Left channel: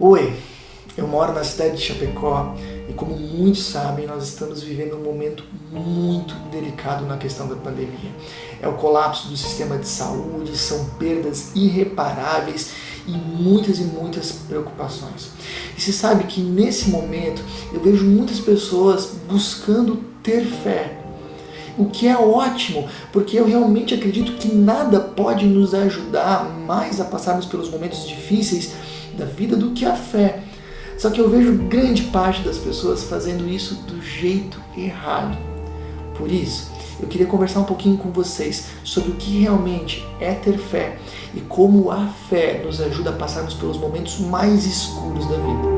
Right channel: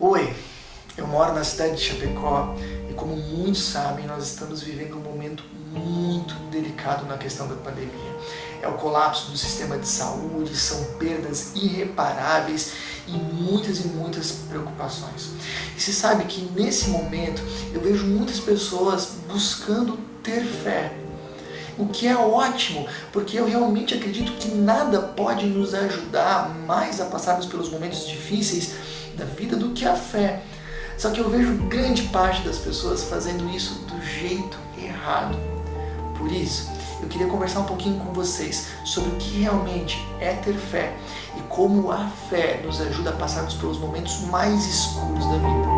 Oi, eu moro na cidade de Chapecó e, como muitos sabem, nós estamos vivendo um momento muito delicado na questão da pandemia. É o colapso do sistema de saúde, são perdas irreparáveis e muitas preocupações. E se sabe que nesse momento eu vejo muitas pessoas buscando ter fé, o que é ótimo, porque eu realmente acredito que nada pode nos ajudar mais a passarmos pelos momentos difíceis da vida do que a fé. Só que eu vejo grande parte das pessoas fazendo isso do jeito errado. Por isso, eu queria conversar um pouquinho com vocês sobre o que realmente é ter fé e como a fé nos ajuda a passarmos pelos momentos mais escuros da vida.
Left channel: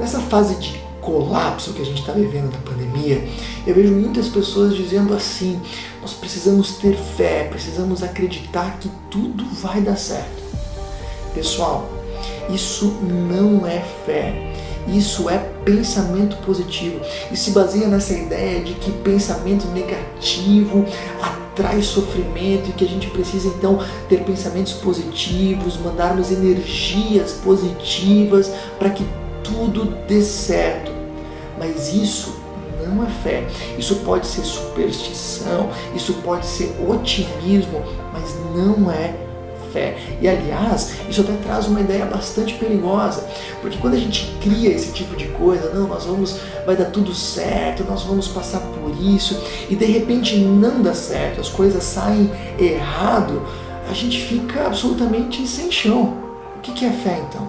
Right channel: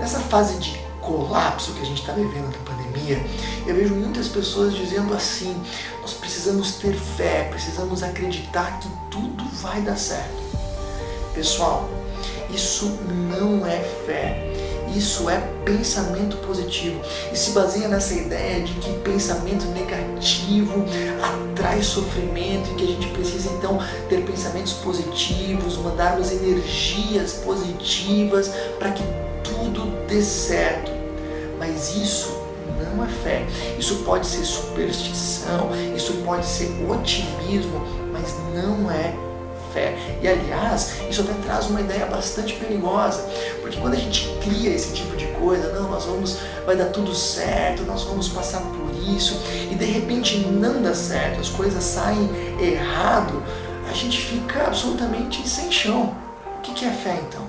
Nessa fase de colapso que a gente está vivendo da pandemia, eu vejo muitas pessoas dizendo assim: nós precisamos ter fé, precisamos acreditar que tudo vai dar certo. Pessoal, isso não é fé, isso é pensamento positivo e se baseia nessa ideia de que pensamento negativo atrai sofrimento e que a gente precisa então ter pensamentos positivos, mandarmos energias positivas para que tudo dê certo. Mas isso não é fé. Isso pode ser superstição, isso pode ser otimismo, mas não é fé. E aliás, isso até traz uma ideia bastante perigosa, porque quando a gente cria esse tipo de coisa, não, vai dar tudo certo, nós vamos passar por isso, e de repente não dá certo, as coisas saem errado, a gente fica absolutamente sem chão. O que é fé então?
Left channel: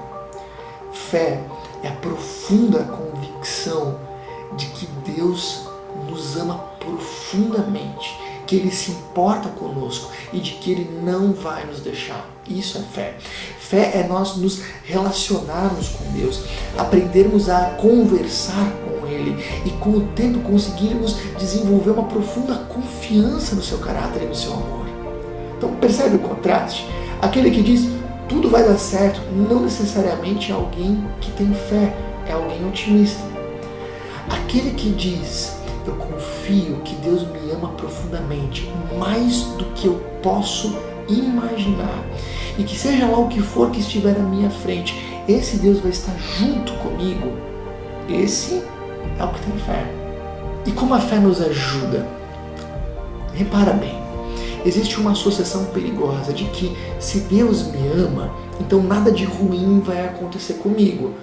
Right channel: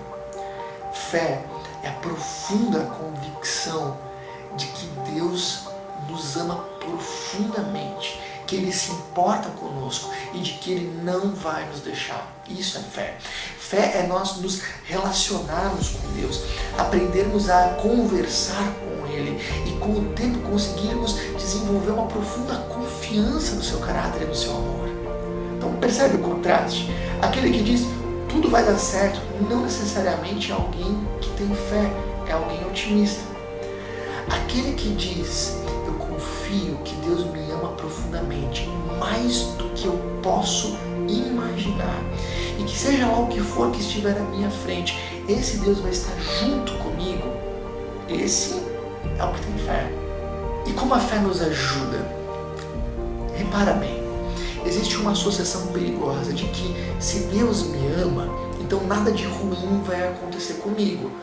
Fé é a profunda convicção de que Deus nos ama profundamente, que Ele se importa conosco e de que Ele não vai nos deixar. Isso é fé. Fé é nós nos relacionarmos com Deus, aprendermos a conversar com Ele e com o tempo conseguirmos desenvolver uma profunda confiança no seu caráter e no seu amor. Então percebe o contraste? Aquele que diz tudo vai dar certo, não necessariamente é alguém que tem fé, é alguém otimista. Aquele que diz, eu confio que Deus me ama profundamente, mais do que eu posso imaginar, e que seja lá o que for que estiver à minha frente, esse Deus vai estar junto comigo, esse é o que tem fé. E como a fé nos ajuda? Repara bem. Existe uma associação perigosa de que se Deus me ama, então nada de ruim vai acontecer comigo.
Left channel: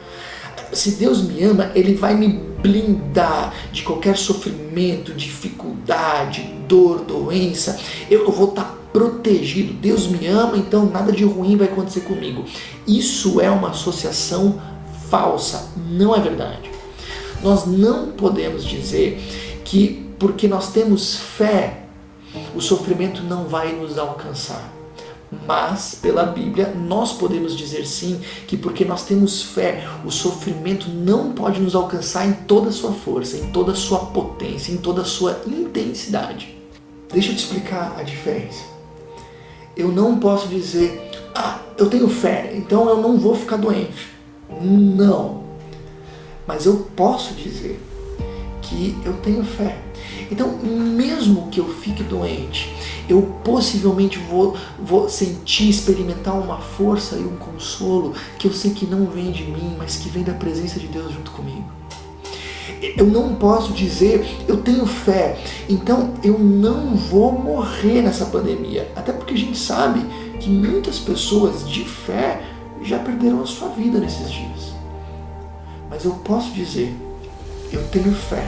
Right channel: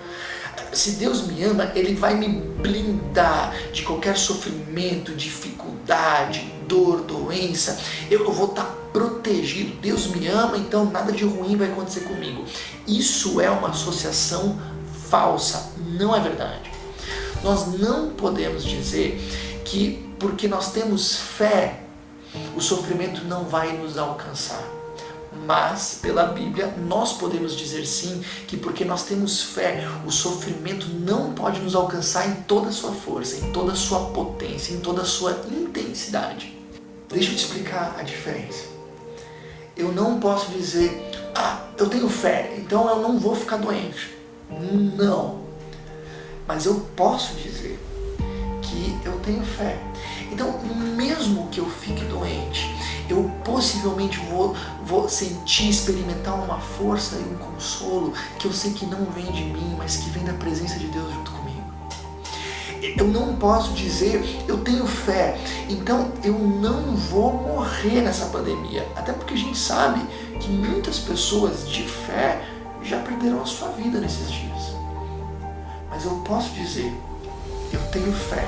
Se Deus me ama, Ele vai me blindar de qualquer sofrimento, dificuldade, dor, doença. Eu vou estar protegido. Deus me ama, então nada de ruim vai acontecer comigo. Isso é uma associação falsa, não é verdade. Nós não podemos dizer que porque nós temos fé, o sofrimento não vai nos alcançar. Mas, pela Bíblia, nós podemos dizer sim que porque nós temos fé, o sofrimento não pode nos alcançar em toda a sua força, em toda a sua potência, em toda a sua intensidade. Deixa eu te explicar a diferença. Eu não posso dizer, eu tenho fé, então eu não vou ficar doente. Não. Mas eu posso dizer que eu tenho fé. Então, mesmo que eu fique doente, eu possivelmente vou sentir, experimentar uma força e um consolo que eu sei que não vem de mim, mas que vem da presença de Deus junto comigo. Eu não posso dizer, eu tenho fé, então eu não vou morrer nessa pandemia. Até porque a gente sabe que muitas pessoas de fé já perderam a sua vida nesses dias. Mas eu posso dizer, eu tenho fé.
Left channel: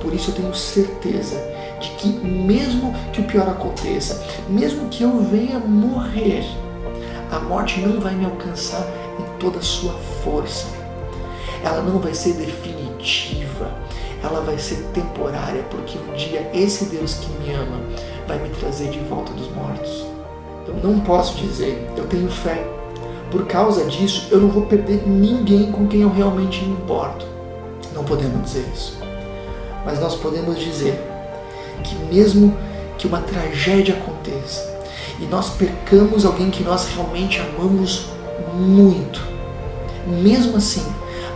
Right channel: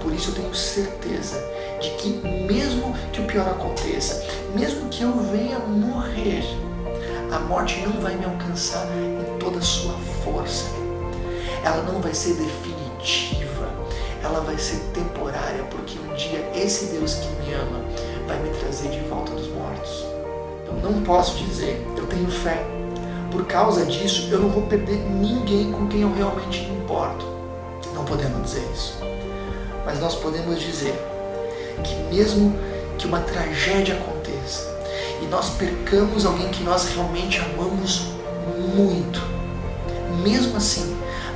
Por isso eu tenho certeza de que mesmo que o pior aconteça, mesmo que eu venha morrer, a morte não vai me alcançar em toda a sua força. Ela não vai ser definitiva, ela vai ser temporária, porque um dia esse Deus que me ama vai me trazer de volta dos mortos. Eu não posso dizer, eu tenho fé. Por causa disso, eu não vou perder ninguém com quem eu realmente me importo. Não podemos dizer isso. Mas nós podemos dizer que mesmo que uma tragédia aconteça e nós percamos alguém que nós realmente amamos muito, mesmo assim,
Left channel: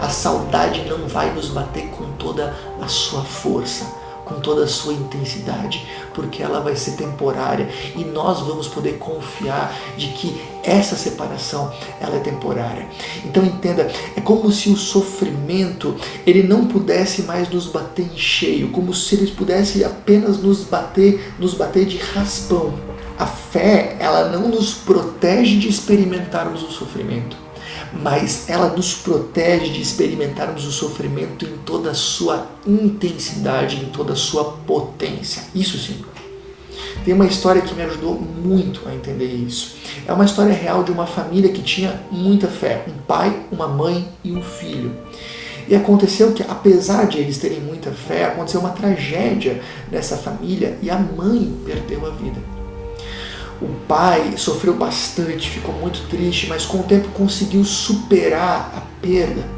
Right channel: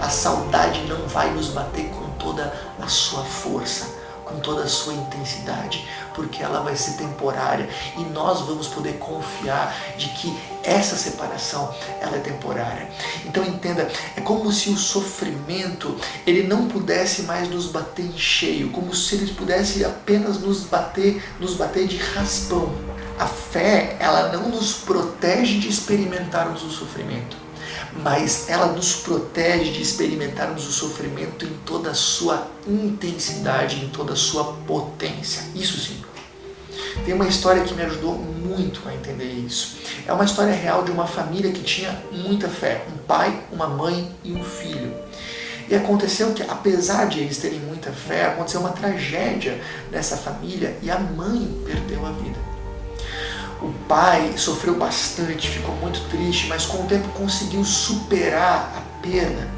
a saudade não vai nos bater com toda a sua força, com toda a sua intensidade, porque ela vai ser temporária e nós vamos poder confiar de que essa separação ela é temporária. Então entenda, é como se o sofrimento ele não pudesse mais nos bater em cheio, como se ele pudesse apenas nos bater de raspão. A fé, ela não nos protege de experimentarmos o sofrimento, mas ela nos protege de experimentarmos o sofrimento em toda a sua intensidade, em toda a sua potência. Isso sim. Tem uma história que me ajudou muito a entender isso. É uma história real de uma família que tinha muita fé. Um pai, uma mãe e um filho. E aconteceu que, apesar de eles terem muita fé, aconteceu uma tragédia nessa família e a mãe perdeu a vida. O pai sofreu bastante, ficou muito triste, mas com o tempo conseguiu superar a perda.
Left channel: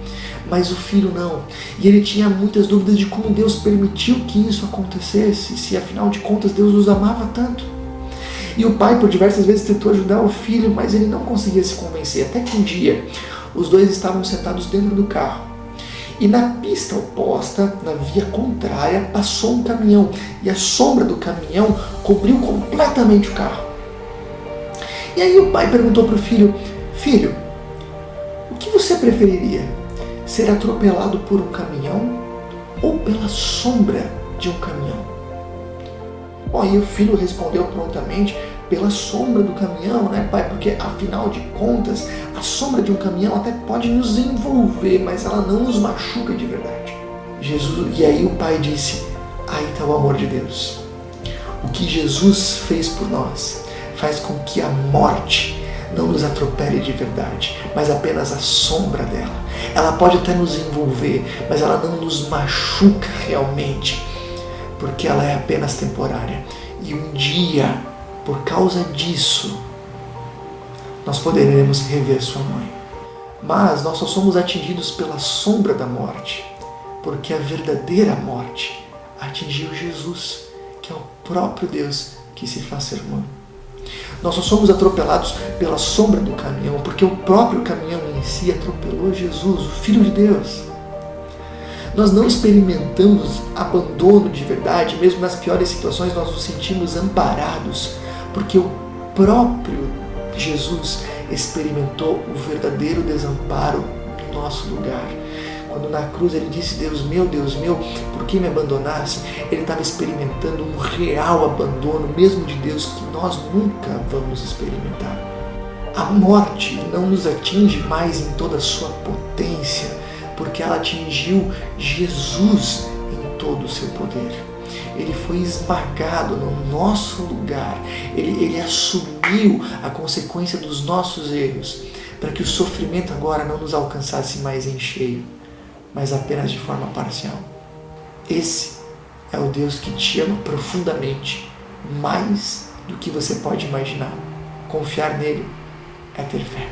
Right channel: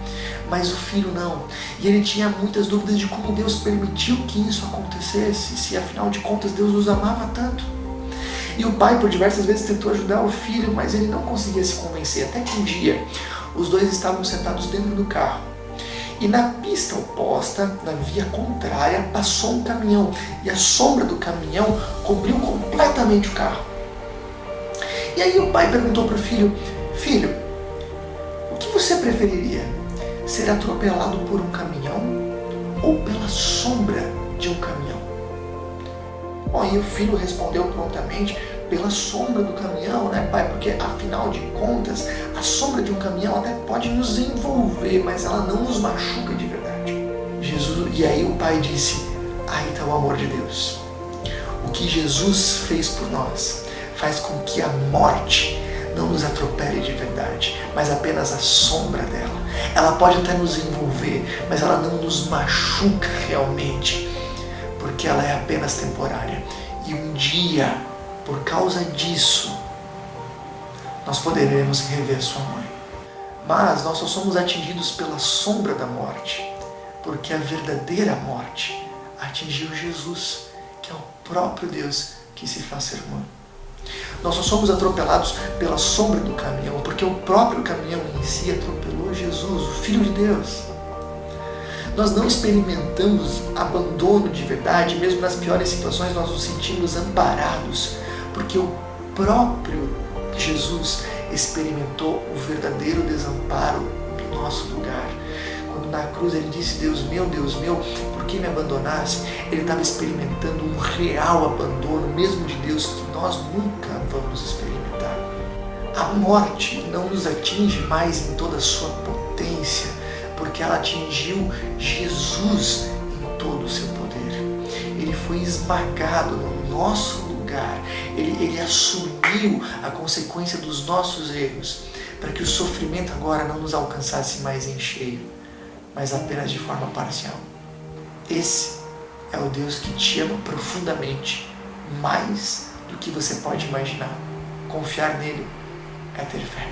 Mas o filho não. E ele tinha muitas dúvidas de como Deus permitiu que isso acontecesse, se afinal de contas Deus os amava tanto. E o pai por diversas vezes tentou ajudar o filho, mas ele não conseguia se convencer. Até que um dia, os dois estavam sentados dentro do carro. E na pista oposta, na via contrária, passou um caminhão. E a sombra do caminhão cobriu completamente o carro. E aí o pai perguntou para o filho: filho, o que você preferiria? Ser atropelado por um caminhão ou pela sombra de um caminhão? Bom, e o filho respondeu prontamente: pela sombra do caminhão, né, pai? Porque afinal de contas, a sombra de um caminhão até pode nos envolver, mas ela não nos machuca de verdade. E aí o pai disse: aí está o amor de Deus. O que Jesus fez por nós faz com que a morte não nos atropele de verdade, mas apenas a sombra dela. Ela pode até nos envolver, mas ela não nos machuca realmente, porque ela é apenas temporária. E um dia, por causa disso, nós poderemos rever sua mãe. Mas nós só somos atingidos pela sombra da morte, porque a verdadeira morte atingiu Jesus, que é o próprio Deus que se faz ser humano. Nós só somos atropelados pela sombra do caminhão, porque o próprio caminhão em si atropelou Jesus, o Filho de Deus. Nós não experimentamos abandono de verdade, mesmo nas piores situações nós nos sentimos amparados, porque o próprio Jesus experimentou o verdadeiro desamparo no nosso lugar. Quando na cruz ele disse: Deus meu, por que me abandonaste? Ele estava experimentando um real abandono, mesmo de Deus, que nós nunca vamos experimentar. A morte não nos atinge mais em toda a sua potência, porque ela atingiu Jesus em todo o seu poder. Ele foi esmagado no nosso lugar. Ele assumiu a consequência dos nossos erros, para que o sofrimento agora não nos alcançasse mais em cheio, mas apenas de forma parcial. Esse é o Deus que te ama profundamente, mais do que você pode imaginar. Confiar nele é ter fé.